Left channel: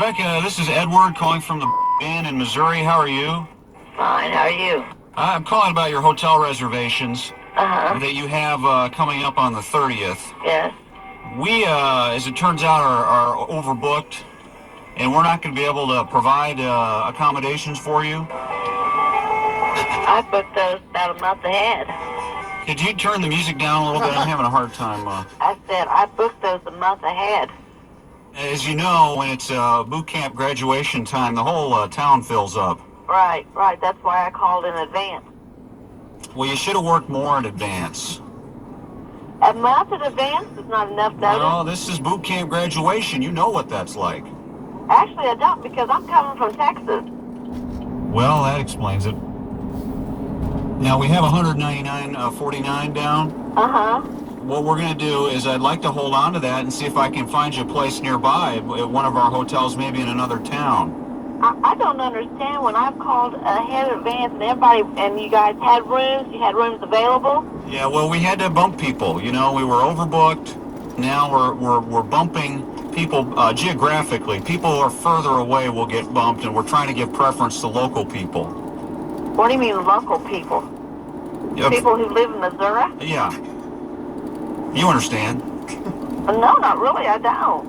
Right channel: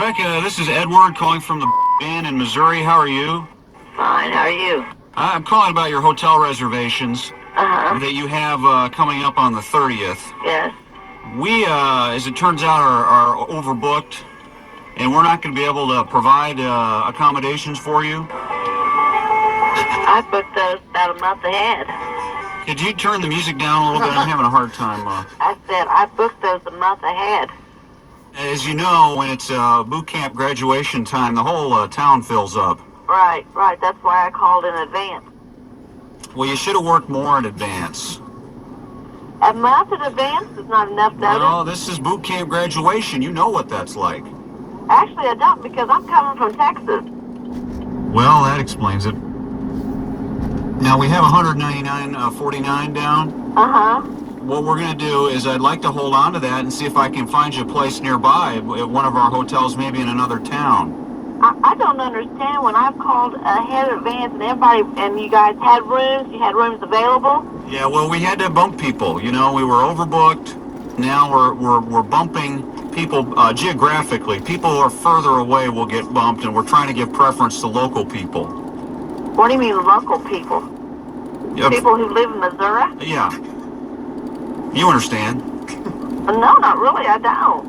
Rebecca, this is Edward calling from the Inn in Missouri. How are you? Fine, how are you? I'm calling about your hotel reservations Uh-huh. that you have coming up on the 30th. Yes. We, as it turns out, are overbooked, and we're not going to be able to provide accommodations for you. I booked those about a month ahead. Could you turn the music down a little bit? I'm having a hard time. I said I booked those a month ahead. As you know, when it's boot camp graduation time, the whole town fills up. Right. That's why I called in advance. Well, you should have worked more in advance. A month in advance is not enough notice. No, this is boot camp graduation. You know what that's like. Actually, I don't, because I'm coming from Texas. Well, that explains it. Now, we have 199.49 down. Uh-huh. What we're going to do is I'd like to hold on to that and see if I can find you a place nearby at one of our hotels, maybe in another town. I don't understand. When I've called ahead in advance and you guys had rooms, you had rooms available. Yeah, well, we had to bump people. You know, we were overbooked. Now we're bumping people geographically. People who are further away will get bumped, and we're trying to give preference to local people. What do you mean local people? People who live in Missouri? Yeah. You understand? No, not really. I don't.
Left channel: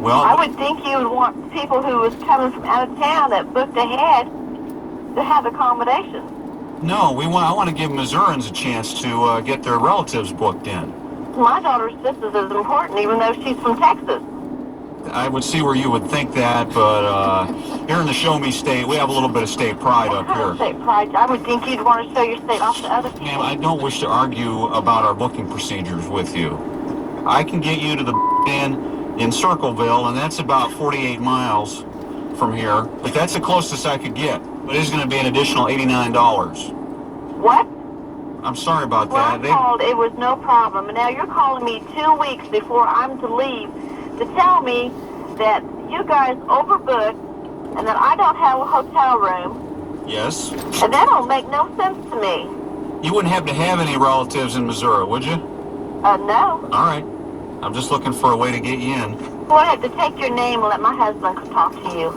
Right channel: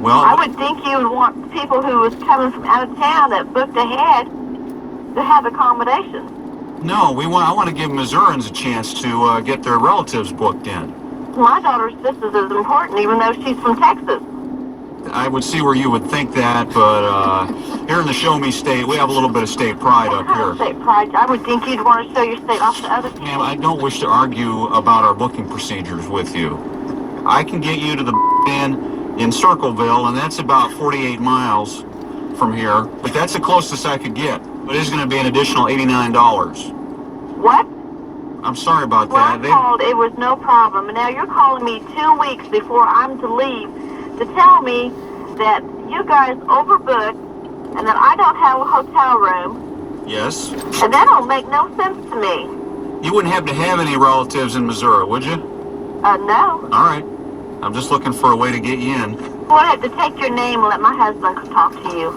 Well, I would think you would want people who was coming from out of town that booked ahead to have accommodations. no, I want to give Missourians a chance to get their relatives booked in. My daughter's just as important, even though she's from Texas. I would see where you would think that, but here in the Show Me State, we have a little bit of state pride up here. State pride? I would think you'd want to show your state off to other people. Ma'am, I don't wish to argue about our booking procedures with you. I can get you to the Inn in Circleville, and that's about 48 miles from here, but that's the closest I could get. But it is going to be an additional $89. What? I'm sorry about When that. I called, it was no problem. And now you're calling me 2 weeks before I'm to leave to tell me that you guys overbooked and that I don't have a hotel room. Yes. And that don't make no sense to me. You wouldn't happen to have any relatives in Missouri, would you? No. All right. I'm just looking for a way to get you in. Well, I have to take your name and let my husband talk to you.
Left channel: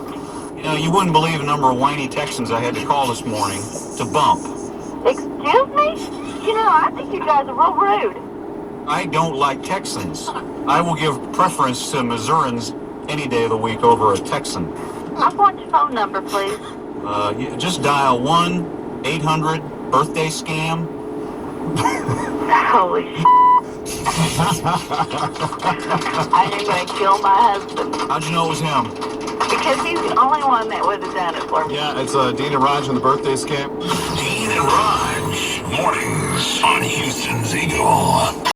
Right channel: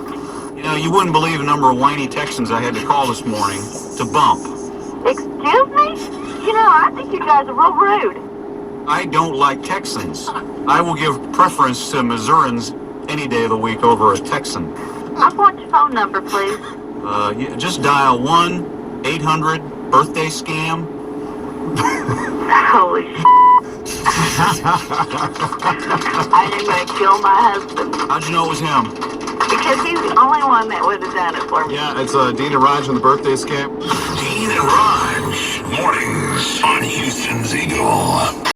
You know, you wouldn't believe the number of whiny Texans I had to call this morning to bump. Excuse me? You know, I think you guys are real rude. I don't like Texans. I will give preference to Missourians any day of the week over a Texan. I want your phone number, please. Just dial 1-800-birthday-scam. Holy I am going to kill my husband. How'd you know it was him? Because he's the only one that would have done it for me. Yeah, it's Dean and Raj on the birthday scam. Dean and Raj, mornings on Houston's Eagle.